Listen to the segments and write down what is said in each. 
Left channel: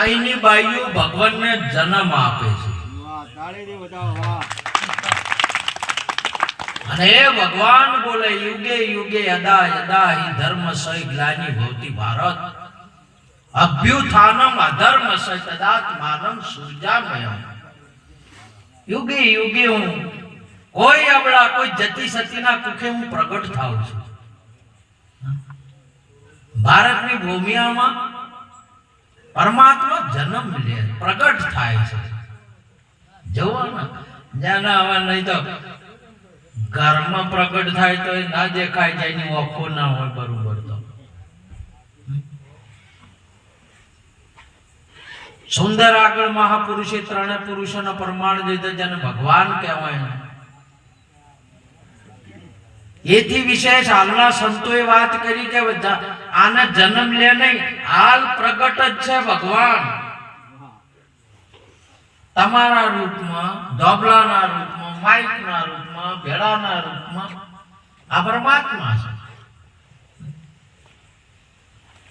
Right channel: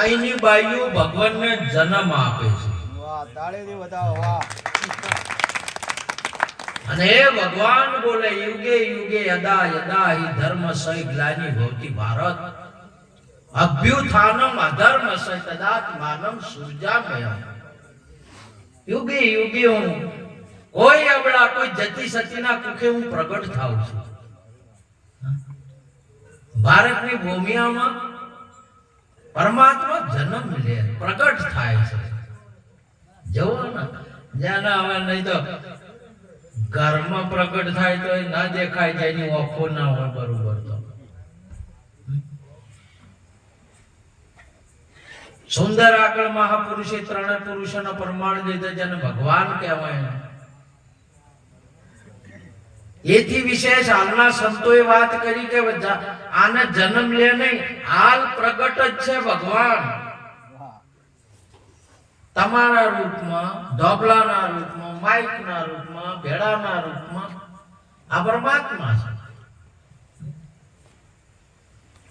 અહીંની બાઈઓ ભગવાનને જન્મ આપે છે અને એ ભગવાન બોલે યુગે યુગે યદા યદા હિ ધર્મ સય ગ્લાનિ ભવતિ ભારત અભ્યુત્થાનમ અધર્મ સય તદાત્માનમ સૃજામ્યહમ. યુગે યુગે હું કોઈ અબળા કોઈ જતી સતીના કુખે હું પ્રગટ થાઉં છું. ભારતની ભૂમિયામાં પરમાત્મા જન્મ લે પ્રગટ થાય છે. જવો ને જ્યાં હવે નહીં તો ઘરમાં પ્રગટ થાય તો એ ના દેખાય જાય એની ઓખો ના હોય બરોબર. તો સુંદર આગળ મહાપુરુષે ત્રણે પુરુષોનો પ્રમાણ દીધો જેને ભગવાન કહેવાય. એથી વિશેષ હાલના સંતોએ વાત કરી કે આને જન્મ લે નહીં, હાલ પ્રગટ જ છે ભગવાન તમારા રૂપમાં, ધોબલાના રૂપમાં, માઇકના રૂપમાં, ભેળાના રૂપમાં. આ પરમાત્મા છે,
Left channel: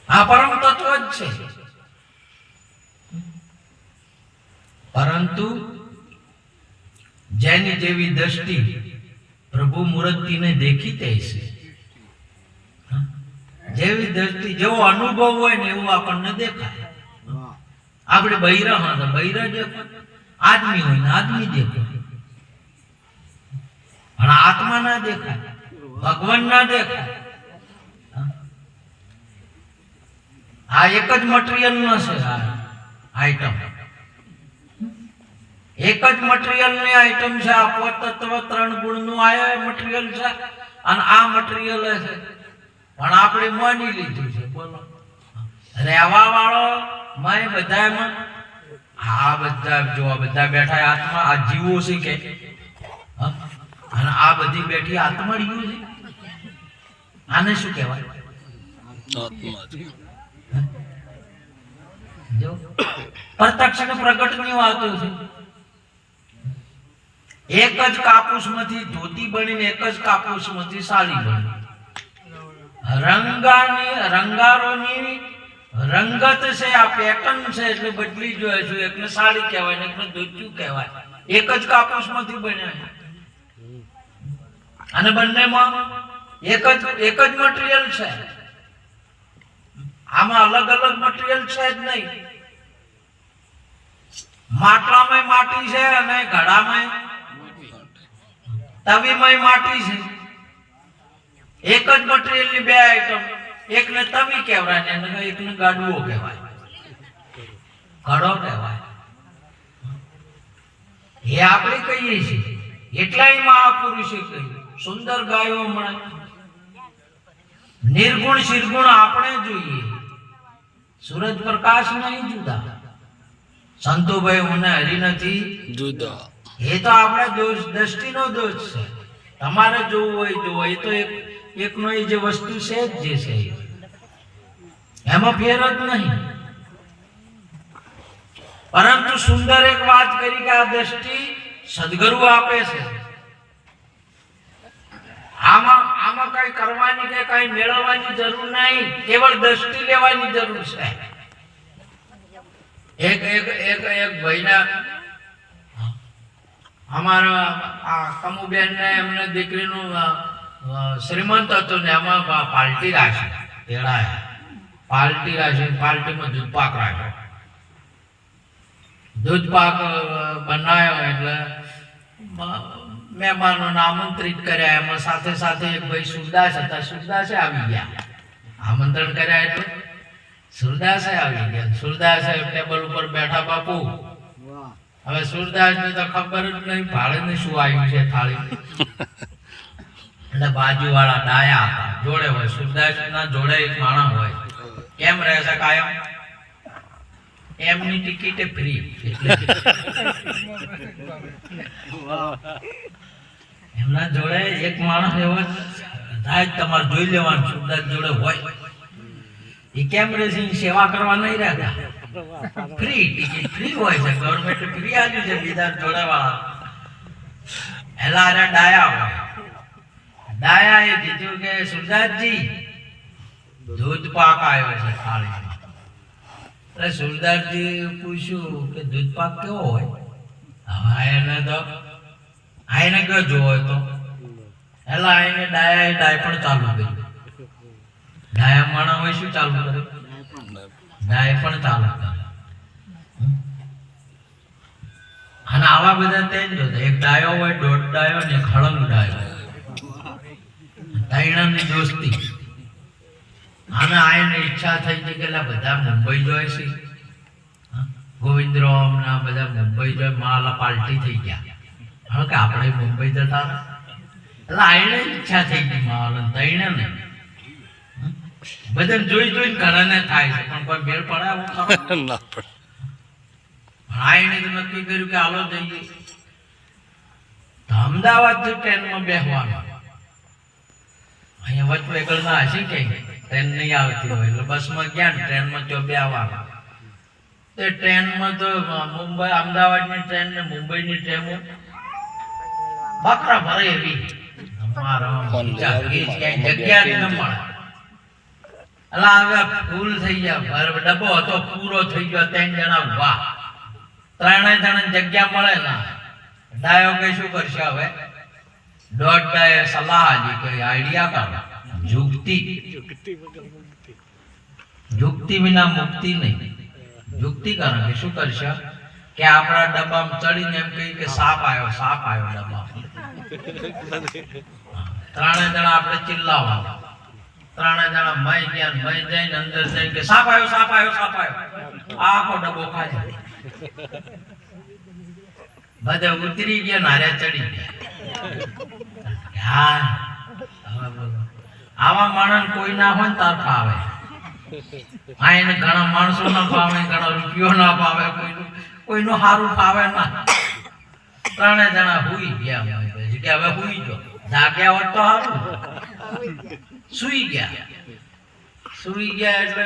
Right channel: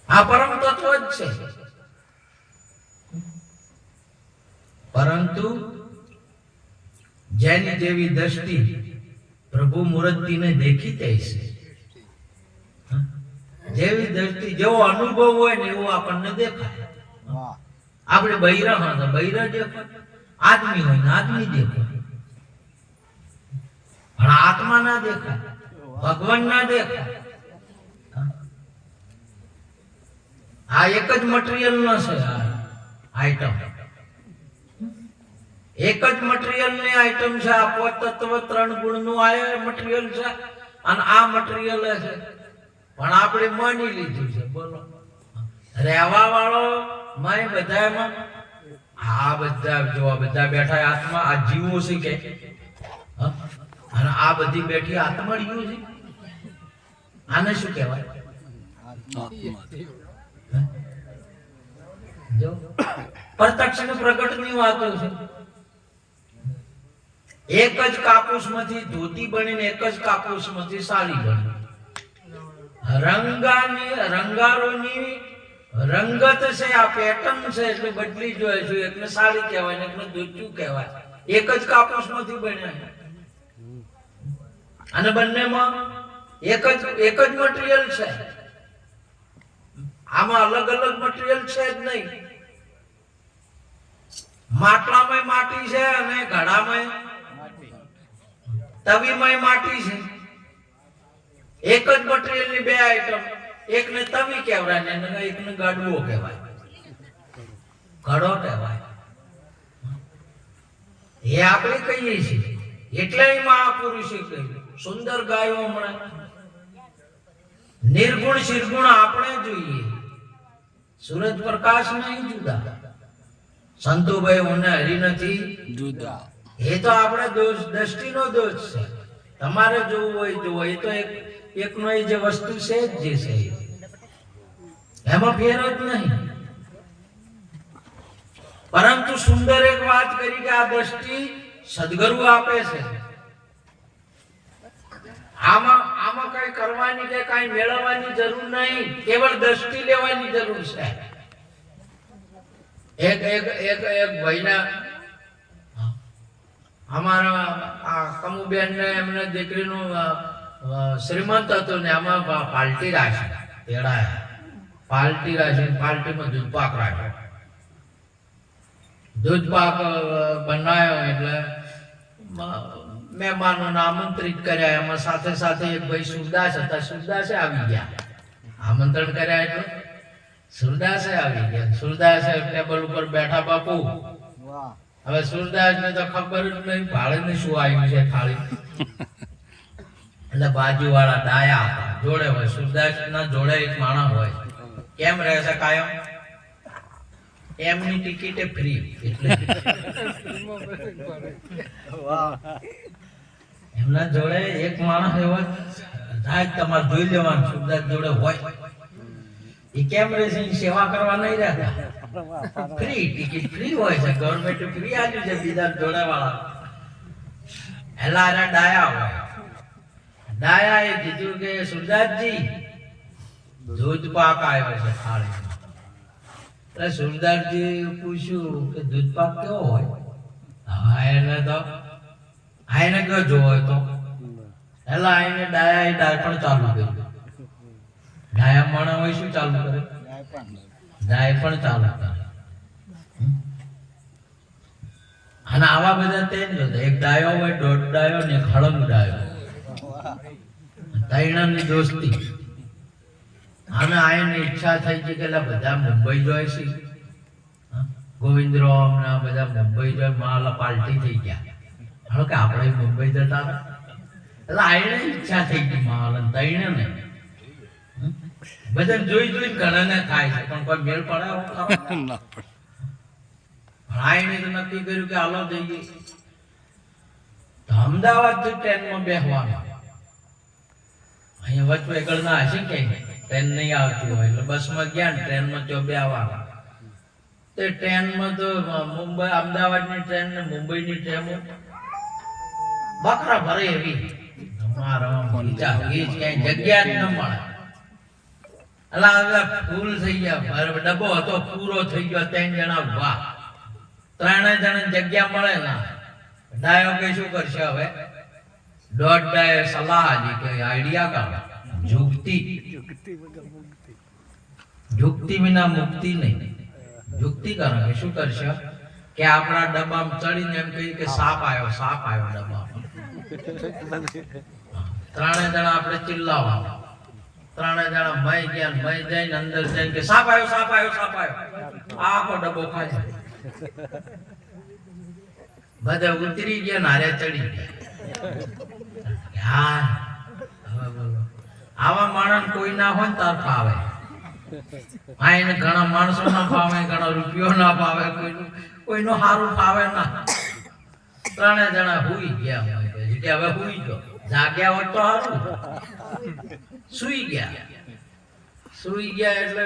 આ પરમ તત્વ જ છે. પરંતુ જેની જેવી દ્રષ્ટિ પ્રભુ મૂર્તિને દેખી તે છે, જેવી દ્રષ્ટિ જેવો અનુભવ હોય ને એવું આપણને દેખાય. આપણે બૈરા હા બૈરા દેખાય, આદમી હોય ને આદમી દેખાય, પણ આત્મા ના દેખાય, ભગવાન ના દેખાય. આ એક જ મટીરિયલ નો છે. આ આઈટમ એક જ મટીરિયલ ની આઈટમ છે. આ તત્વ ત્રણ ગુણ નું આ મટીરિયલ છે અને આ મટીરિયલ છે, પણ આપણે માની લીધું છે. બોલો રહેવા વાળો મય બધામાં આ બધા જો બધા બેઠા આત્મા આ જીવો છે કે અને આ બધી બેઠી આત્મા જીવો છે. આને શું કહેવાય? આત્મા. જો પ્રત્યક્ષ ને પ્રગટ ની વાતો છે. એક જ કાપૂસ માંથી ધોતી બનીને એક જ કાપૂસ માંથી સાડી બની. રંગારોની રંગત છે, આ પેટર્ન છે એટલે બદલી જોઈએ છે. એકને સાડી કહેવાય ને એકને ધોતિયું કહેવાય. એક જ કાપૂસ માંથી બન્યા અને બંનેમાં એક જ મટીરિયલ છે. આમાં અલગ અલગ મટીરિયલ છે જ નહીં. માટલામાં માટી છે અને ઘડામાં તવીમાં માટી છે. એક જ મટીરિયલ ની બે આઈટમ, એકને તવી કહેવાય ને એકને ગાડવો કહેવાય, ઘડો કહેવાય. એ આપણે કહીએ છીએ. એટલાય મહાપુરુષે કહ્યું સુંદર ગાયો હમણાં નિર્ગુણ શિરગુણ આપણે જોઈએ. સૂરજ પ્રકાશ નહીં જુદા, સંતોભાઈ મને હરી નથી જુદા. એ તો આપણે દોષ દ્રષ્ટિનો દોષ છે. તમારે જોવું હોય જોવો, એ તો એકનો એ જે વસ્તુ છે જ જે છે એમાં ફેર જ નહીં. પરંતુ સુંદર એક વાત કરી કે આ દ્રષ્ટિ સદગુરુ આપે છે. આમાં કઈ કરવાની કે કઈ મેળવવાની જરૂર નહીં, કેવળ દ્રષ્ટિ લેવાની જરૂર છે. એક ભાઈના અમારા આ કમુબેન ને એમને દીકરીનું શ્રીમંત હતું ને એમાં પાલટી રાખી તેડાયા. પાલટી રાખી પાલટીમાં દૂધ પાક રાખ્યો. દૂધ પાક બનાવ્યો એટલે મહેમાનોને આમંત્રિત કર્યા. એમાં સાથે સાથે એક ભાઈ સુરદાસ હતા. સુરદાસે આવી ગયા. આમંત્રણ કર્યા એટલે સુરદાસે આવી ગયા. સુરદાસે ટેબલ ઉપર બેઠા. બાપુ હવે સુરદાસ ને તો ખબર જ નહીં ભાડે ને શું આવ્યું છે થાળી. એટલે બાજુ વાળા ડાયા હતા, જોડે હોય. સુરદાસ ના જોડે એક માણસ હોય. કેમ રહેશે કાયમ? એમની ટિકિટ ફ્રી. એમના જોડે એક માણસ એવો થાય તમારે જોઈ લેવાનું સુરદાસ જોડે હોય. એ કેમ રહેશે? સેવા કરવા નહીં રહેતા. ફ્રી ટિકિટ ફ્રી હોય છે, ગવર્મેન્ટ ફ્રી આપ્યું છે બીજા જોડે વાળા. એલા ડાયા હોય. ડાયા એ કીધું કે સુરદાસજી દૂધ પાક આવ્યો છે થાળી. એટલે સુરદાસજી પૂછ્યું કે દૂધ પાક કેવો હોય? હવે એને તો આઈને કયો જોવો તો એટલે આઈને ડાય પણ ચાલુ કર્યું. ડાયા માણા હોય શું ચાલુ કરે? ડાય પણ ચાલુ કરે. અને આવા બધા તેજ જોતા, એક ડાયો હોય, દોઢ ડાયો ને એક હળંગ ડાયો, ત્રણની દોસ્તી. અને આઈને ઈચ્છા થઈ છે કે બધા મુંબઈ જાય છે, ગોવિંદરામ ને બધા મુંબઈ જાય, માલા પાલટી થઈ ગયા. હવે કે આપણે મુંબઈ જતા એટલે આઈને ઈચ્છા થઈ ગઈ માલા તઈને ને બધા જોઈ ઘણાને થાય છે પણ કોઈ મેળ પડે ના પડે. આઈને તો નક્કી કર્યું કે હાલો જઈએ. અમદાવાદ થી ટ્રેનમાં બેસવાનું. અહીંયા વચ વેગળ ના હશે કે ટ્રેન નહીં આવતી હોય એટલે બસમાં ગયા ને ટ્રેનમાં તો બેસવાનું. તો ટ્રેનમાં તો મુંબઈ અમદાવાદની ટ્રેન ને મુંબઈની ટ્રેનો બકરા ભરે એવી જગ્યા જ ન મળે. એટલે હવે ફૂલ થઈ ગયા, ડબ્બો હતો પૂરો થઈ ગયો, 3 જણા વાહ, 3 જણા જગ્યા મળે ના. ડાયો કે શું કરશે હવે? દોઢ ડાય સલાહ આલી કે આઈડિયા કાઢો, યુક્તિ વિના મુક્તિ નહીં. યુક્તિ કરે કે શું કરશે કે આપણા ડબ્બામાં ચડીને એમ કહી કે સાપ આવ્યો ડબ્બામાં. 3 જણા આપણે ચિલ્લાવા, 3 જણા મય ગયા, મય જઈને અંદર જઈને કે સાપ આવ્યો. આખો ડબ્બો ખાલી. બધા ઉતરી ગયા, નારે ચડી ગયા. આવા માણસ કોઈ ના હોય ને તાર ફાવે. આઈને ઘણા માણસો ના ફાવે, ઘણા રૂપિયો ના ફાવે, કોઈનું સારું ફાવે ના. 3 જણા હુઈ ગયા કે હવે હુઈ ગયો. જાગ્યા હોત તો સારું. સુઈ ગયા એટલે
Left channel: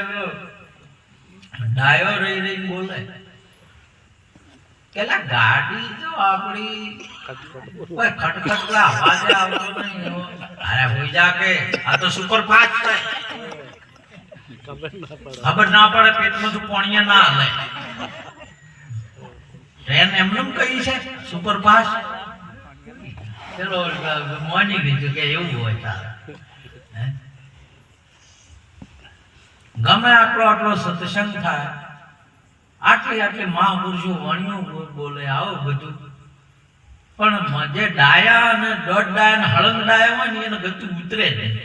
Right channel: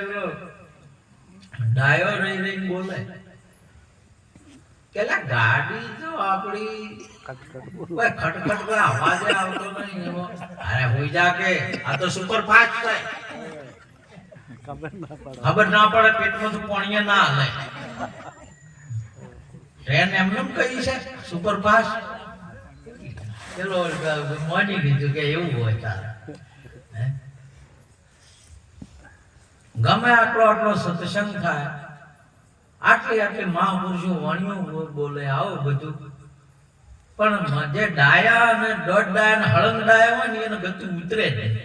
ડાયો રહી બોલે કે ગાડી તો આપણી કોઈ ખટખટ અવાજ આવતો નહીં એવો. અરે હોઈ જા કે આ તો સુપર ફાસ્ટ થાય, ખબર ના પડે પેટમાં તો પાણી ના હાલે. ટ્રેન એમને કહી છે સુપર ફાસ્ટ. ચલો માની લીધું કે એવું હોય તારે. ગમે આટલો સત્સંગ થાય, આટલી મહાપુરુષો વાણીઓ બોલે, આવો બધું, પણ જે ડાયા અને દોઢ ડાયા અને હળંગ ડાયા હોય ને એને ગતું ઉતરે નહીં.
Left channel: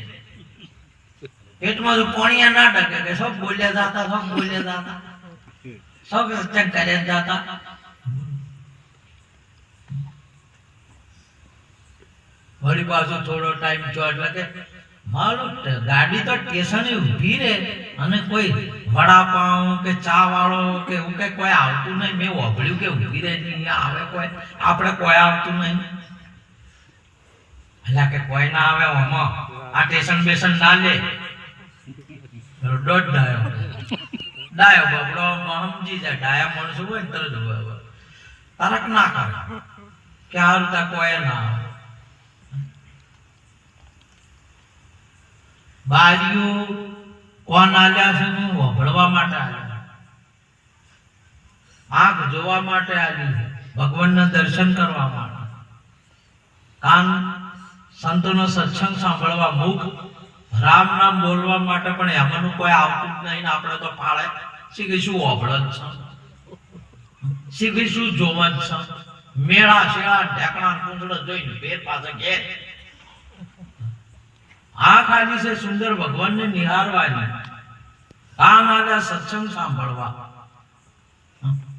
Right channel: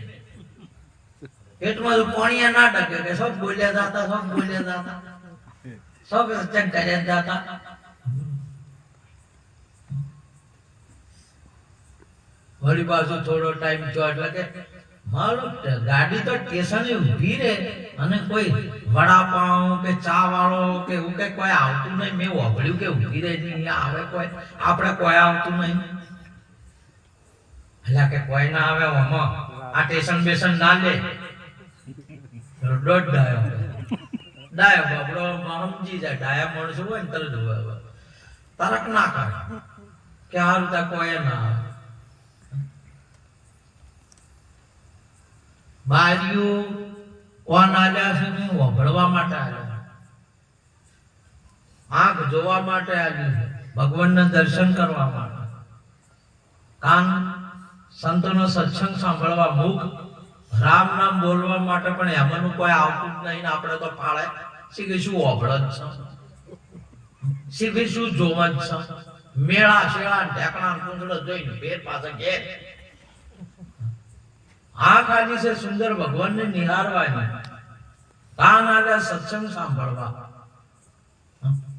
પેટમાં પાણી ના ટકે કે સબ બોલ્યા જતા, સબ ચેક કર્યા જતા. વળી પાછું થોડો ટાઈમ થયો એટલે કે મારું ગાડી તો સ્ટેશને ઊભી રહે અને કોઈ વડાપાઉં કે ચા વાળો કે એવું કઈ કોઈ આવતું નહીં. મેં વાપર્યું કે ઊભી રહે નહીં આવે કોઈ, આપણે કોઈ આવતું નહીં. એટલે કે કોઈ ના આવે આમાં આ સ્ટેશન બેશન ના લે. દોઢ ડાયો બાબડો સમજી જાય. ડાયા માણસો હોય ને તરત તરક ના કરે કે હારું તા કોઈ ના આવે. બારીઓ કોણ આલ્યા છે ને વભળવા માટે આલ્યા, આંખ જોવા માટે આલ્યું છે, ભગવાનના દર્શન કરવા માટે, કાન સંતોનો સત્સંગ સાંભળવા, મુખ રામ નામ બોલવા માટે. પણ એમાંનું કોઈ આવતું જ નહીં. આપણે તો ફાળે શીખીશું વભળ જ છે, શીખીશું જોવા જ છે. મેળા શેળા ઢેકણા કુંજળો જોઈને ભેર પાછા ઘેર. આંખ આજી છે સુંદર ભગવાનને નિહારવાની, કાન આજા સત્સંગ સાંભળવા.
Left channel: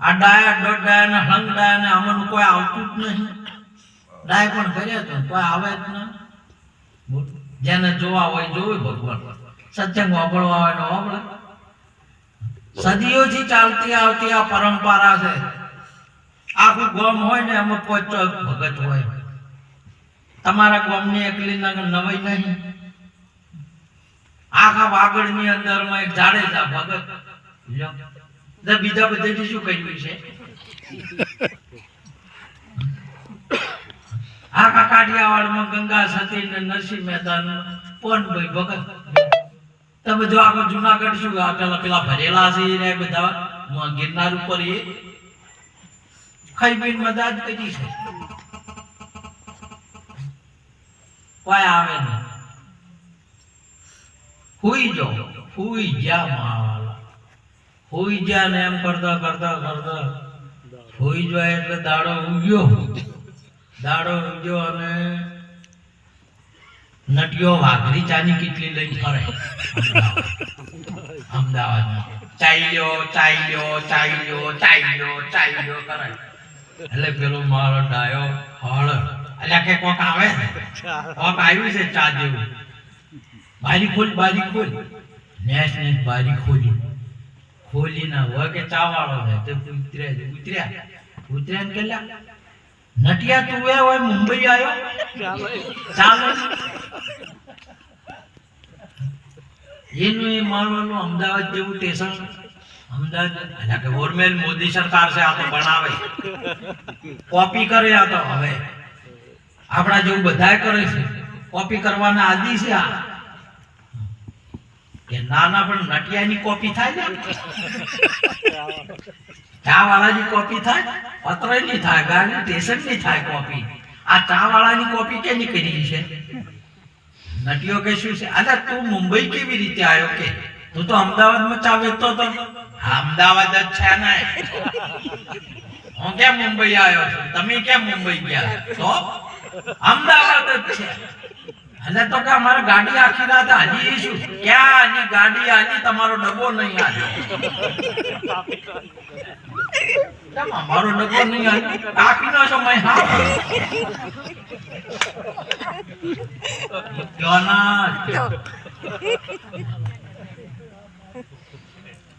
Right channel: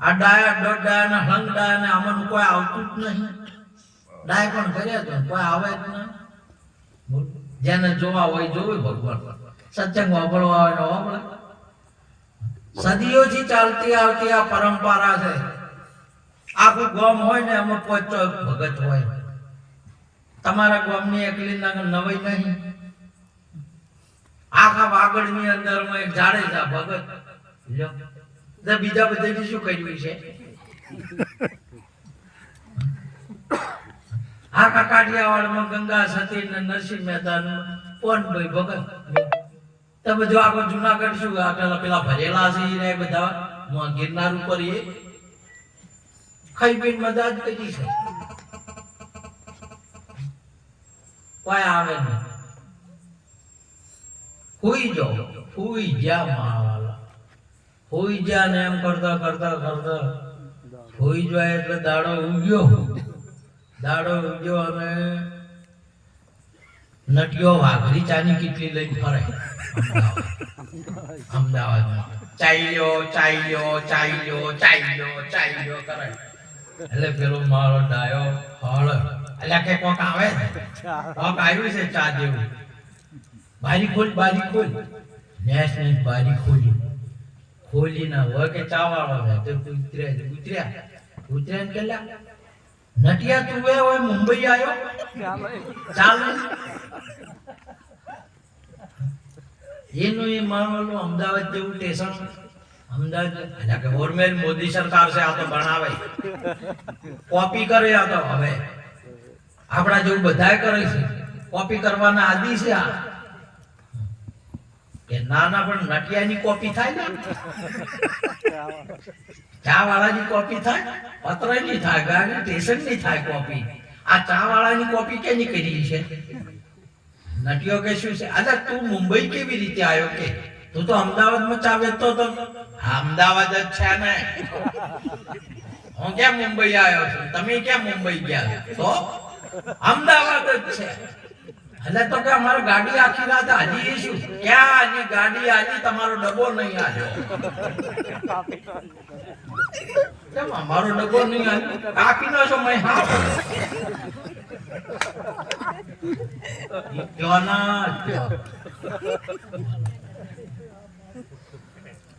આ ડાયા દોઢ ડાયા ને હંગ ડાયા ને આમાંનું કોઈ આવતું જ નહીં. ડાય પણ કર્યા તો કોઈ આવે જ નહીં. જેને જોવા હોય જોવે ભગવાન, સત્સંગ વાપરવા હોય ને વાપરે. સદીઓથી ચાલતી આવતી આ પરંપરા છે. આખું ગામ હોય ને એમાં 5 ભગત હોય. તમારા ગામની એકલી નવાઈ નહીં. આખા વાગડની અંદરમાં એક જાડેજા ભગત, બીજા બધા શું કહ્યું છે? આખા કાઠિયાવાડમાં ગંગા સતી ને નરસિંહ મહેતા પોનભાઈ ભગત. તમે જો આગળ જુનાગઢ શું પેલા ભરેલા છે ને બધા ગિરનાર ઉપર એ ખાઈ પીને મજા જ કરી છે, કોઈ આવે નહીં. હુઈ જા માવાલા, હુઈ જા ને એમ કરતા કરતા કરતા હુઈ જાય એટલે દાડો ઉગ્યો અને નટિયો વાઘરી ચાની કેટલી લઈને ફરે અમદાવાદમાં. ચાલ્યો કરે એટલે પેલો મારો ડાયો હળ એટલે કે કોક આવે ને, કોક આવ્યું છે ચા જેવું. બારી ખોલ નેસ બારી ખોલી ના હોય કે ચા વાળો છે તે ઉતર્યા ને કેલા નટિયા તું હોય મુંબઈ આવ્યો ચાલો એનું એ માનવાનું અમદાવાદ જેવું સ્ટેશન. અમદાવાદ એટલે કે ઓરમેલ મોદી સરકાર છે, આ તો બનાવે કોપી કરે. આ તો હવે આપણા જેવું બધાય કરે છે, કોપી કરવાના આદી છે. આ એ નાના પણ નટિયાની કોપી થાય ને, ચા વાળાની કોપી થાય, પત્રની થાય, ગાડી સ્ટેશનની થાય કોપી. આ ચા વાળાની કોપી કેની કરી છે? નટિયો કે શું છે? અરે તું મુંબઈ કેવી રીતે આવ્યો? કે તું તો અમદાવાદમાં ચા વેચતો હતો. અમદાવાદ જ છે ને, હું કેમ મુંબઈ આવ્યો છું? તમે કેમ મુંબઈ ગયા? તો અમદાવાદ જ છે. એટલે તો કે અમારે ગાડી આખી રાત હાજી શું? ક્યાં હજી ગાડી હાજી, તમારો ડબ્બો નહીં આવ્યો. કેમ અમારો ડબ્બો નહીં આવ્યો? કાપીનો સમય હા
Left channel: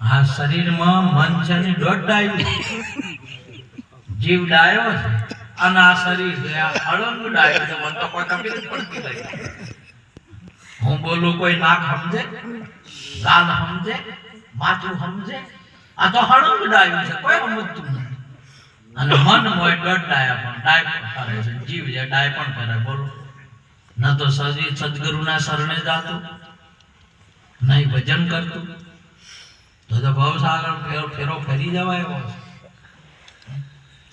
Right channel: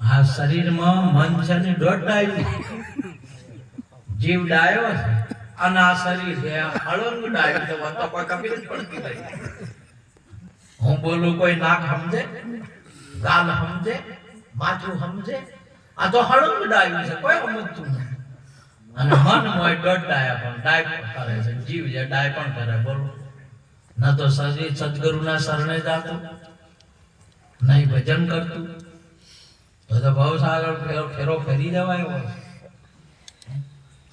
આ શરીરમાં મન છે ને દોઢ ડાયું, જીવ ડાયો છે અને આ શરીર છે આ હળંગ ડાયું છે. મને તો કોઈ ખબર જ પડતી નથી. હું બોલું કોઈ નાક સમજે, ગાલ સમજે, માથું સમજે? આ તો હળંગ ડાયું છે, કોઈ સમજતું નથી. અને મન મોય દોઢ ડાયા પણ ડાય પણ કરે છે, જીવ છે ડાય પણ કરે. બોલો, ન તો સદગુરુના શરણે જાતું, નહીં ભજન કરતું, તો ભવસાગર ફેરો ફેરી જવાય.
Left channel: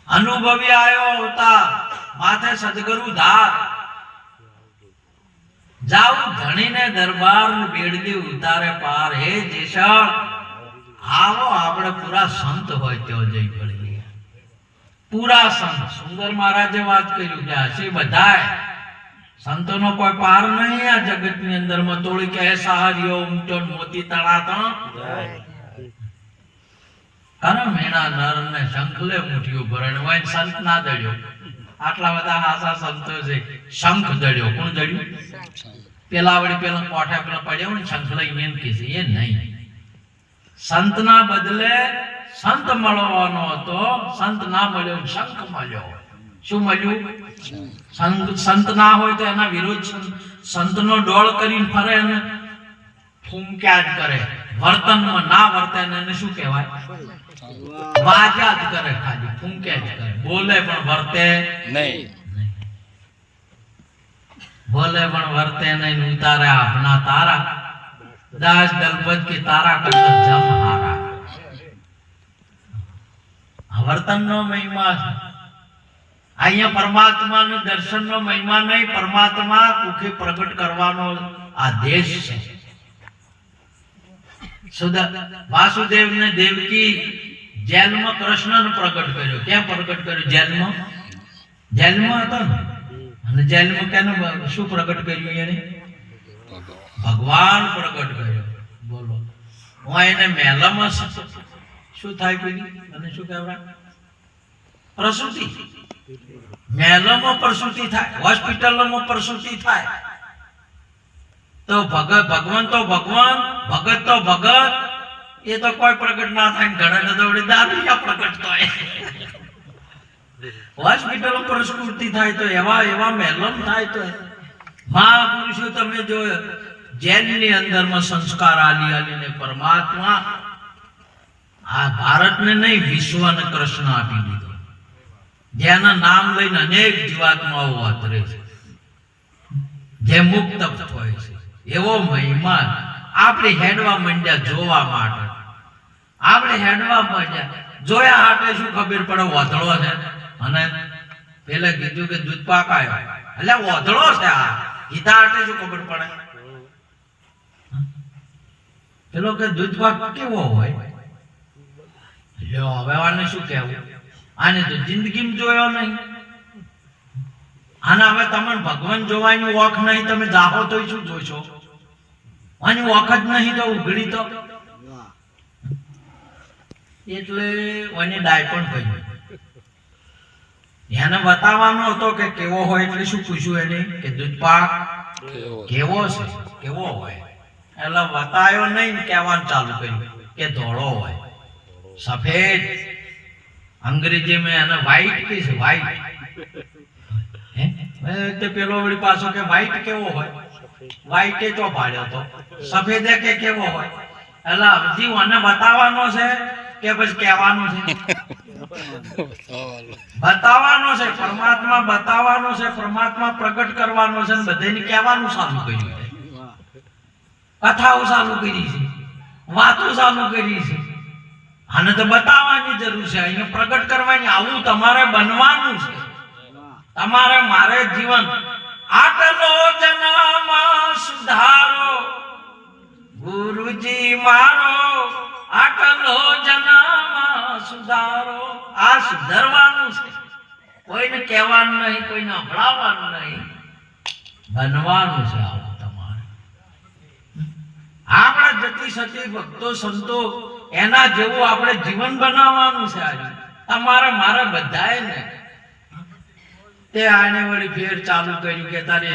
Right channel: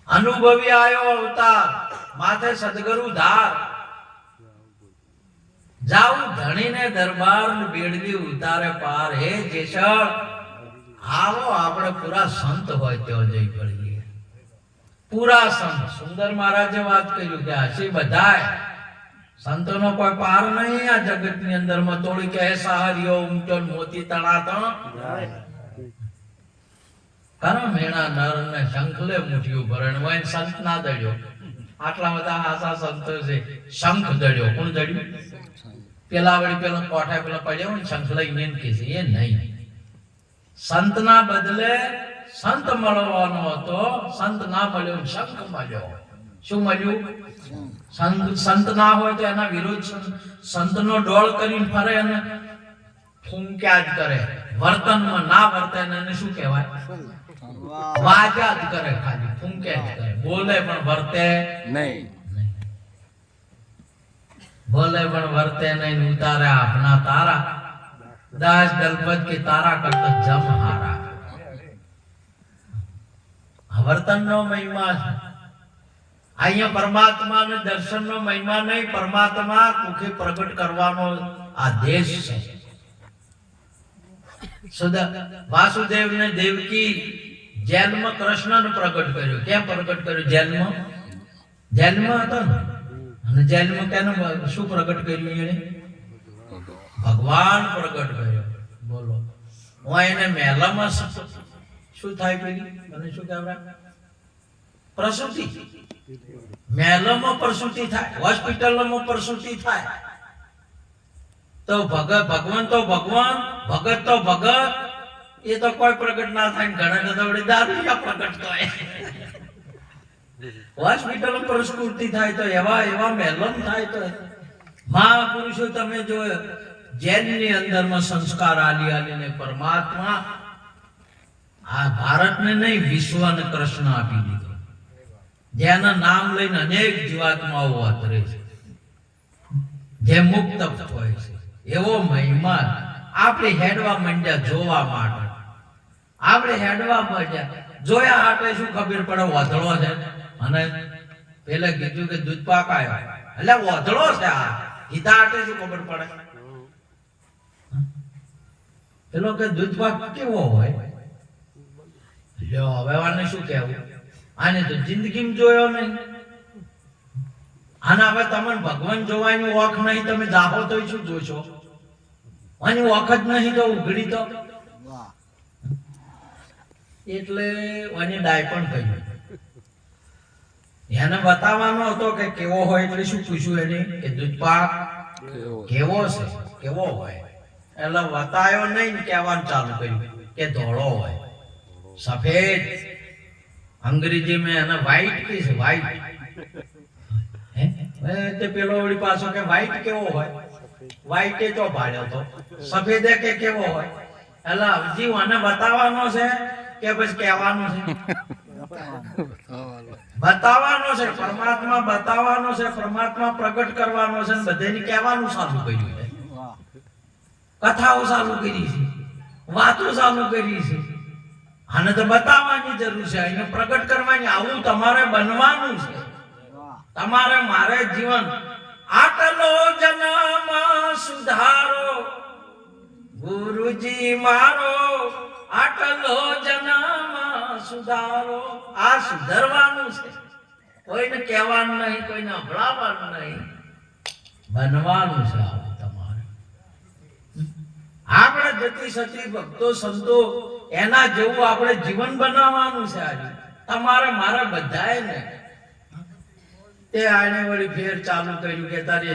અનુભવી આવ્યો અવતાર, માથે સદગુરુ ધાર. જાઉં ધણીને દરબાર બેડલી ઉતારે પાર. હે જેસળ આવો આપણે પૂરા સંત હોય તેઓ જઈ પડી. પૂરા સંત સુંદર મહારાજે વાત કર્યું કે હસી બધાય સંતોનો કોઈ પાર નહીં આ જગતની અંદરમાં. તોડી કે સહાર્યો ઉમટો મોતી તણાતો કારણ મેણા નર ને શંખલે મુઠ્યું ભરણ હોય. સંત ના દળ્યો, આટલા બધા આશા સંતો છે. શંખ દળ્યો, કોણ દળ્યું? પેલા વળી પેલા કોઠા પેલા પડ્યા હોય ને શંખ લઈને એમ કે છે એ નહીં. સંત ના બદલે સંત મળવાનો હતો, સંત ના મળ્યો, શંખ મળ્યો. શું મળ્યું? સંત ના હોય તો એના વિરુદ્ધ સંતનો ડોળ કરીને ફરે અને ફૂંક્યા જ કરે. વર્તનમાં ના વર્તે એને શું કહેવાય? વાજા જ કરે, ખાલી ફૂંક્યા જ કરે. બોલે પણ વર્તે નહીં, બોલે પણ વર્તે નહીં. ઉતારે આપના તારા, દાસ દલપત की તારા કરતા જમ હારા. વર્તનનો મહિમા છે. અહીંયા પરમાત્માને દર્શનનો મહિમા નહીં, પરમાત્મા કુખે પ્રગટ કરવાનો આદેશ છે. વાસુદેવને દેવકી જેલમાં કૃષ્ણને પ્રગટ કર્યો. કેમ પ્રગટ કર્યો? જેલમાં હતો ને, અને જેલમાં કેનું શું પ્રગટ કર્યું? એને ભગવાન પ્રગટ કર્યો. બોલો, હું એને મહેલામાં શું થાય પેલી અને શું કહેવાય? પ્રસૂતિ. મહેલામાં પ્રસૂતિ થાય, હોસ્પિટલમાં પ્રસૂતિ થાય. તો ભગવાન તો ભગવાન, ભગત તો ભગત, એ તો કોઈ પ્રગટ ના થાય. ઘણા તો વળી દારૂ પ્રગટ થાય. હોસ્પિટલો પ્રસૂતિ થાય તો એવા મહેલમ થાય. તો મહાપુરુષો તમે જો જેલની અંદરમાં સંસ્કાર આલીને પરમાત્મા આ ભારતને નહીં વિશ્વને કૃષ્ણ આપી દીધો. જેના નામ લઈને અનેક જીવાત્માઓ આતરે છે, જે મુક્ત હોય છે. એવો મહિમા આપણે હેડવા માંડ્યા જોવા માટે. આપણે હેડવા પડ્યા, જોયા હાટે શું ખબર પડે વાધળો છે, અને પેલે કીધું કે દૂધ પાક આવ્યો, એટલે વાધળો છે આ, ગીતા હાટે શું ખબર પડે? પેલો કે દૂધ પાક કેવો હોય, લ્યો હવે આને શું કહેવું, આને તો જિંદગીમાં જોયો નહીં, આના હવે તમને ભગવાન જોવાની ઓખ નહીં, તમે જાહો તો શું જોશો? આની ઓખ જ નહીં તો ઉઘડી તો, એટલે આની ડાય પણ કહ્યું, એને બતાવવાનો હતો કે કેવો હોય, એટલે શું પૂછ્યું એને કે દૂધ પાક કેવો છે, કેવો હોય, એટલે બતાવ્યો નહીં, કહેવાનું ચાલુ કર્યું કે ધોળો હોય, સફેદ, અંગ્રેજી में है ना व्हाइट किस व्हाइट है પેલો વળી પાછો કે વ્હાઈટ કેવો હોય, વ્હાઈટ એ તો ભાડ્યો તો, સફેદ કે કેવો હોય, એટલે હજી મને બતાવવાનો છે કે પછી કહેવાનું છે? બતાવવાનો છે, પરમાત્મા બતાવવાનો છે, પરમાત્મા પ્રગટ કરવાનો છે, બધાને કહેવાનું ચાલુ કર્યું છે, કથાઓ ચાલુ કરી છે, વાતો ચાલુ કરી છે, આને તો બતાવવાની જરૂર છે, એને પ્રગટ કરવાની, આવું તમારે બનવાનું છે, તમારે મારે જીવન આટલો જન્મ સુધારો ગુરુજી મારો, આટલો જન્મ સુધારો, આ સુધારવાનું છે, કોઈને કહેવાનું નહીં, કોઈને સંભળાવવાનું નહીં, બનવાનું છે આવું તમારે. આપણે જતી સતી ભક્તો સંતો એના જેવું આપણે જીવન બનાવવાનું છે આજે તમારે મારે બધાએ ને. તે આને વળી ફેર ચાલુ કર્યું કે તારે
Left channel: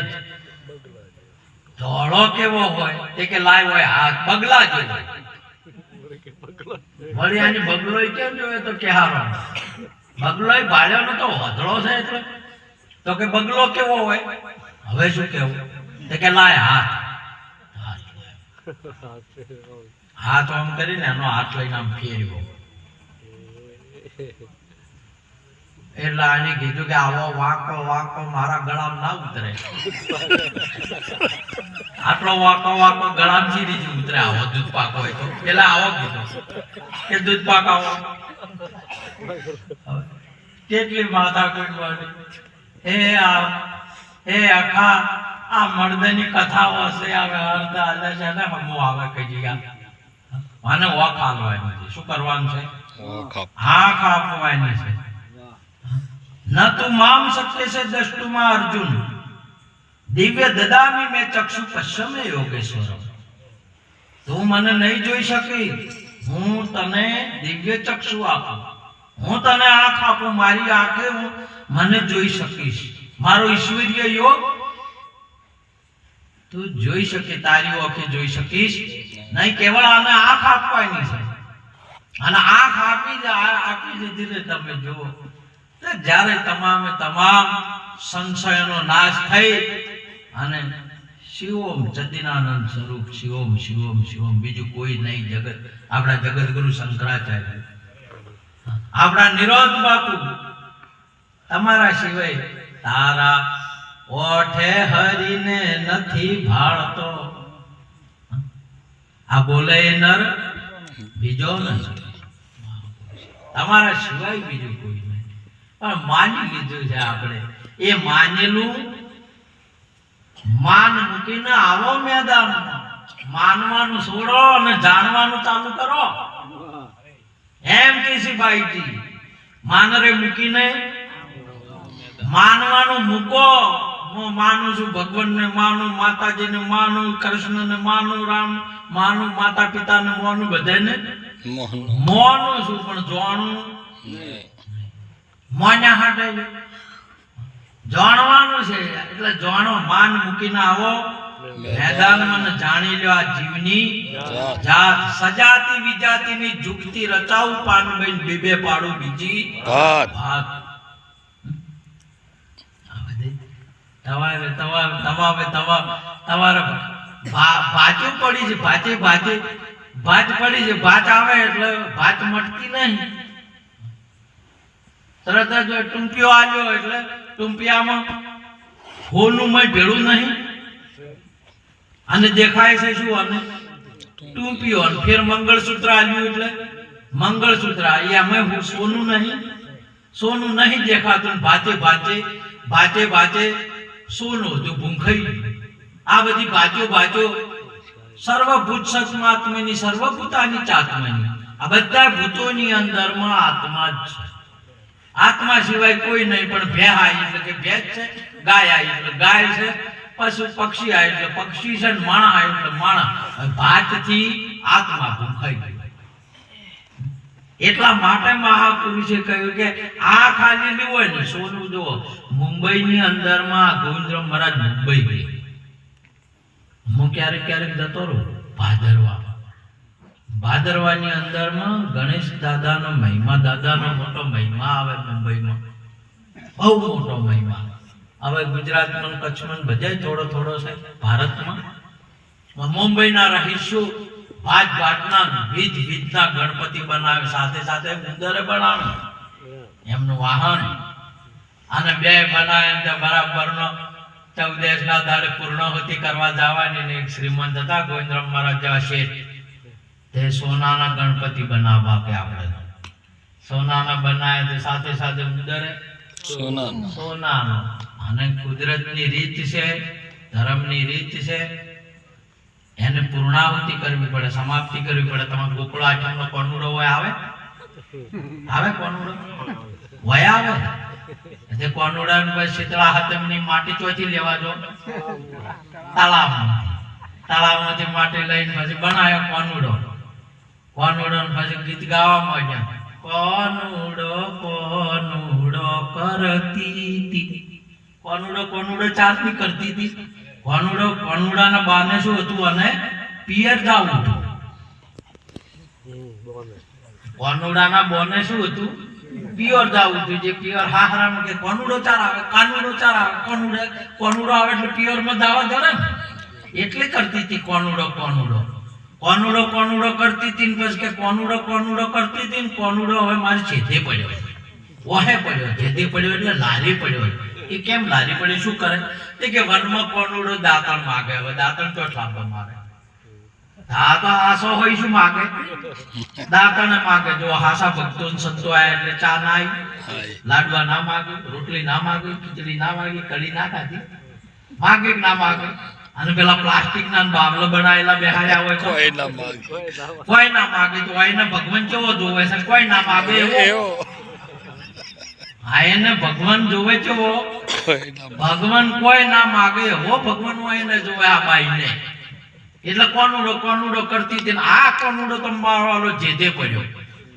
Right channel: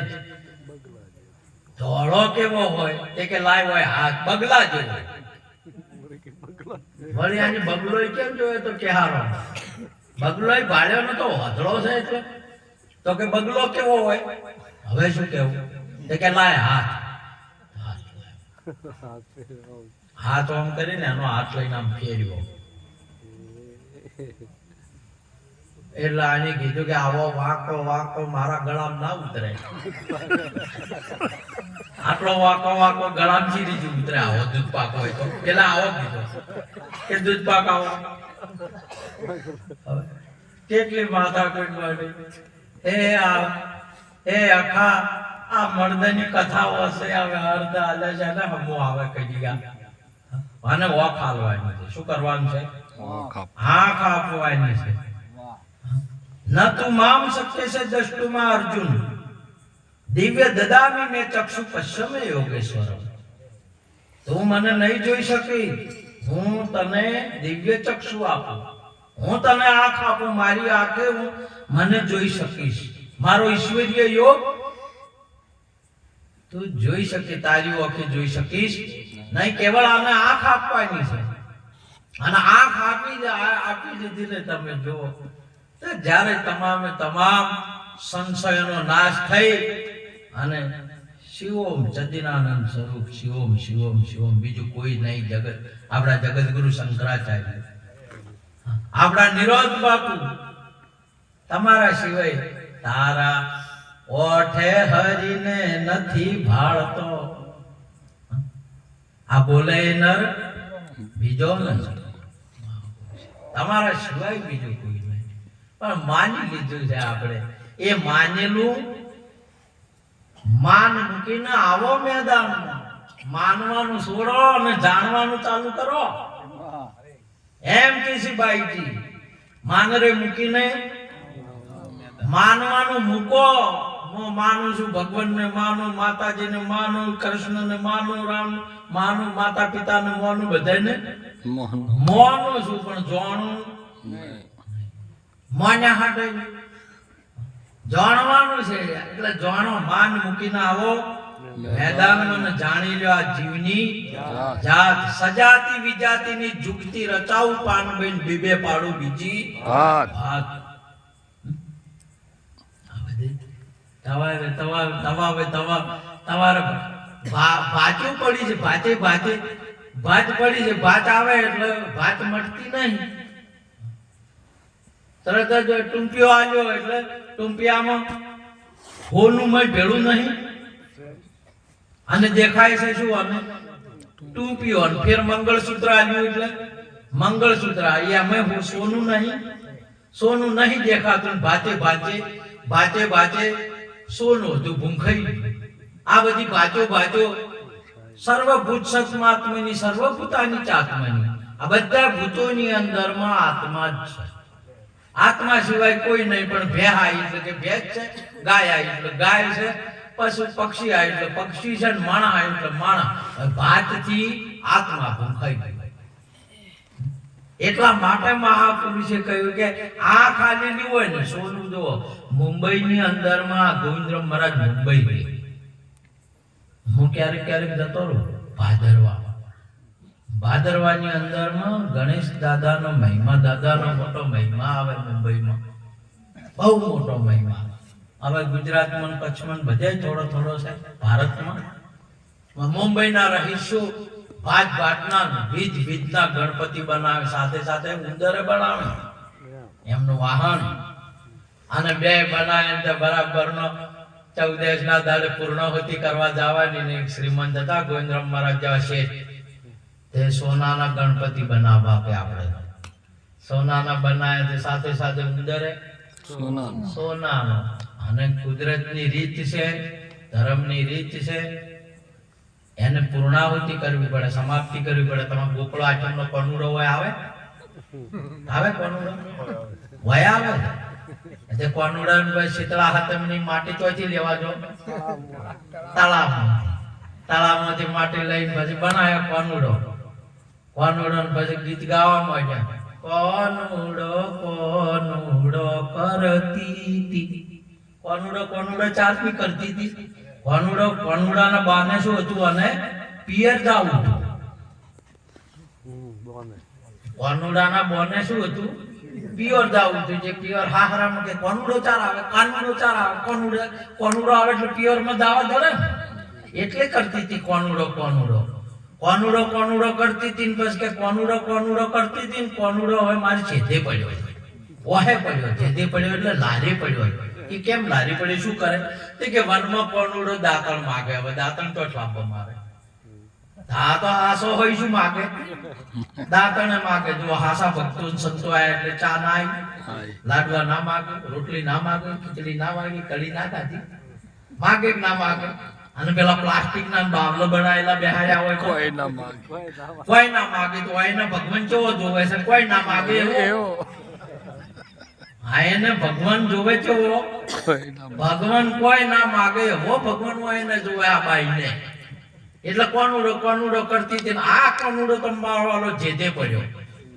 ધોળો કેવો હોય, તે કે લાય હોય હાથ બગલા જેવો, વળી આને બગલો કેમ જોયો તો કે હારો બગલો ભાડ્યો નતો, વાધળો છે એટલે, તો કે બગલો કેવો હોય, હવે શું કેવું, તે કે લાય હાથ, હાથ આમ કરીને એનો હાથ લઈને આમ ફેર્યો, એટલે આને કીધું કે આવો વાંકો વાંકો મારા ગળામાં ના ઉતરે, આટલો વાંકો વાંકો ગળામાં સીધી જ ઉતરે, આવો દૂધ પાક હોય તો. પેલા આવો કીધો કે દૂધ પાક આવો, કેટલી માથા કોઈ મળી, એ આખા આ મર્દની કથાઓ હશે, હવે અર્ધ હાલે છે ને હમો આવે કઈ અને ઓખ હાલવાની છે, શું કરવાનું છે? આંખ આપવાની છે. ન તું મામ સત્ય છે દ્રષ્ટુમાં અર્જુન, દિવ્ય દદામી મેં ચક્ષુ પશ્ચમે યોગેશ્વર, તું મને નહીં જોઈ શકી, હું તને દિવ્ય ચક્ષુ આપું, હું તને આંખ આપું, મારી આંખે હું મને જોઈ શકીશ, મારો ઈશ્વરીય યોગ તું જોઈ શકે, તારી આંખે જોઈ શકીશ નહીં, કેવળ આને આંખ આપવાની છે, અને આંખ આપી દીધી તમે જુઓ તો જ્યારે તમામે તમામ સંશયનો નાશ થઈ અને શિવોમ ચદિનાનંદ સ્વરૂપ, શિવોમ શિવોમ શિવોમ, બીજું કોઈ નહીં જગત, આપણા જગતગુરુ શંકરાચાર્ય, આપણા નિરોધ બાપુ, તમારા સિવાય તારા ઓઠે હરીને નથી ભાળતો, આ બોલે નર બીજો નથી, તમારા સિવાય બીજું કોઈ નહીં, પણ માની લીધું છે આપણે, એ માનેલું માન મૂકીને આવો મેદાનમાં, માનવાનું છોડો અને જાણવાનું ચાલુ કરો, એમ કેસી ભાઈજી, માનરે મૂકીને માનવાનું મૂકો. હું માનું છું ભગવાનને, માનું માતાજીને, માનું કૃષ્ણને, માનું રામ માનું, માતા પિતાને માનું, બધાને માનું છું, પણ જાણું માન્યા હાટે જાણવાનું છે, એટલે જાણો, માન મૂકીને આવો મેદાનમાં, જાણી લો આ જીવની જાત, સજાતી વિજાતીની જુગતી રચાવું, પાનબેન બીબે પાડું બીજી વાત. તમારે ભાજુ પડી છે, ભાત પડી છે, ભાત આવે એટલે ભાત મળતી નહીં, તરત જ ટૂંપિયો આવ્યો એટલે ટૂંપિયામાં હોનું મય ભેળું નહીં, અને દેખાય છે શું, અને ટૂંપિયો, અને ફેર મંગળસૂત્ર આવ્યું એટલે મંગળસૂત્ર એમાં સોનું નહીં દેખાતું, ભાચે ભાચે સોનું હતું ભૂંખાઈ. આ બધી ભાચો સર્વભૂત સત્માત્માની, સર્વભૂતાની ચાત્માની, આ બધા ભૂતોની અંદરમાં આત્મા જ છે. આત્મા સિવાય કોઈ નહીં. પણ ભેહ આવી એટલે કે ભેજ છે, ગાય આવી એટલે ગાય છે, પશુ પક્ષી આવી એટલે પક્ષી છે, માણા આવી એટલે માણા. ભાતથી આત્મા ભૂંખાઈ ગઈ. એટલા માટે મહાપુરુષે કહ્યું કે આ ખાલી નહીં હોય ને સોનું. જુઓ, મુંબઈની અંદરમાં ગોવિંદરામ મહારાજ મુંબઈ ગઈ. હું ક્યારેક જતો રહું ભાદરવાની અંદરમાં ગણેશ દાદાનો મહિમા, દાદાનો મોટો મહિમા આવે મુંબઈમાં, બહુ મોટો મહિમા. હવે ગુજરાતમાં, કચ્છમાં બધે થોડો છે. ભારતમાં મુંબઈના રહીશો ભાતના વિધના ગણપતિ બનાવે, સાથે ઉંદરે બનાવે એમનું વાહન, અને બે બનાવે બરાબરનો 14 ના દાડે પૂર્ણાહુતિ કરવા જવાની ને શ્રીમંત હતા ગોવિંદરામ મહારાજ જેવા શેઠ, તે સોનાના ગણપતિ બનાવવા કે આપણે સોનાના બનાવે, તે સાથે ઉંદરે સોનાનો. અને કુદરતની રીત છે, ધર્મની રીત છે, એને પૂર્ણાહુતિ કરવી પડે, સમાપ્તિ કરવી પડે. તમારે ગોકળો આઠમનો કોનુડો હોય આવે કોનુડો હોય આવે તે કોનુડા ને ભાઈ શીતળા હાથમની માટી ચોથી લેવા જો તળાવમાંથી માટી લઈને પછી બનાવ્યો કોનુડો ને પછી ગીત ગાવા માંડ્યા, કોનુડો કરતી હતી. કોનુડો ચાસની કરતી હતી. કોનુડાના બાને શું હતું, અને પિયર જાવું હતું. કોનુડાના બોને શું હતું, પિયર જાવું હતું. જે પિયર હાહરામાં કે કોનુડો ચાર આવે, કોનુડો આવે એટલે પિયરમાં દાવા જડે ને, એટલે કરતી હતી કોનુડો કરતી હતી. પછી કે કોનુડો કરતી હતી ને કોનુડો હવે મારી છેદે પડ્યો, છેદે પડ્યો એટલે લારી પડ્યો. એ કેમ લારી પડે, શું કરે? કે વનમાં કોનુડો દાંતણ માગે. હવે દાંતણ તો લાંબો મારે, હા તો હાસો હોય શું માગે, દાંતણ માગે. જો હાસા ભક્તો સંતો આયા એટલે ચા ના આવી, લાડવા ના માગે, રોટલી ના માગે, ખીચડી ના માગે, કઢી ના ખાધી, માગે કે ના માગે. અને પેલા પ્લાસ્ટિક ના બાવલો બનાવેલા બેહાડ્યા હોય કોઈ ના માગે. તો એને ભગવાન કેવો જોવે છે, કોઈ ના માગે એવો. હા, એને ભગવાન જોવે છે, ભગવાન કોઈ ના માગે એવો ભગવાન હોય ને જોવે આ બાઈ ને. એટલે કોનુડો કરતી હતી. આ કોનુડો તો મારવાલો જેદે પડ્યો.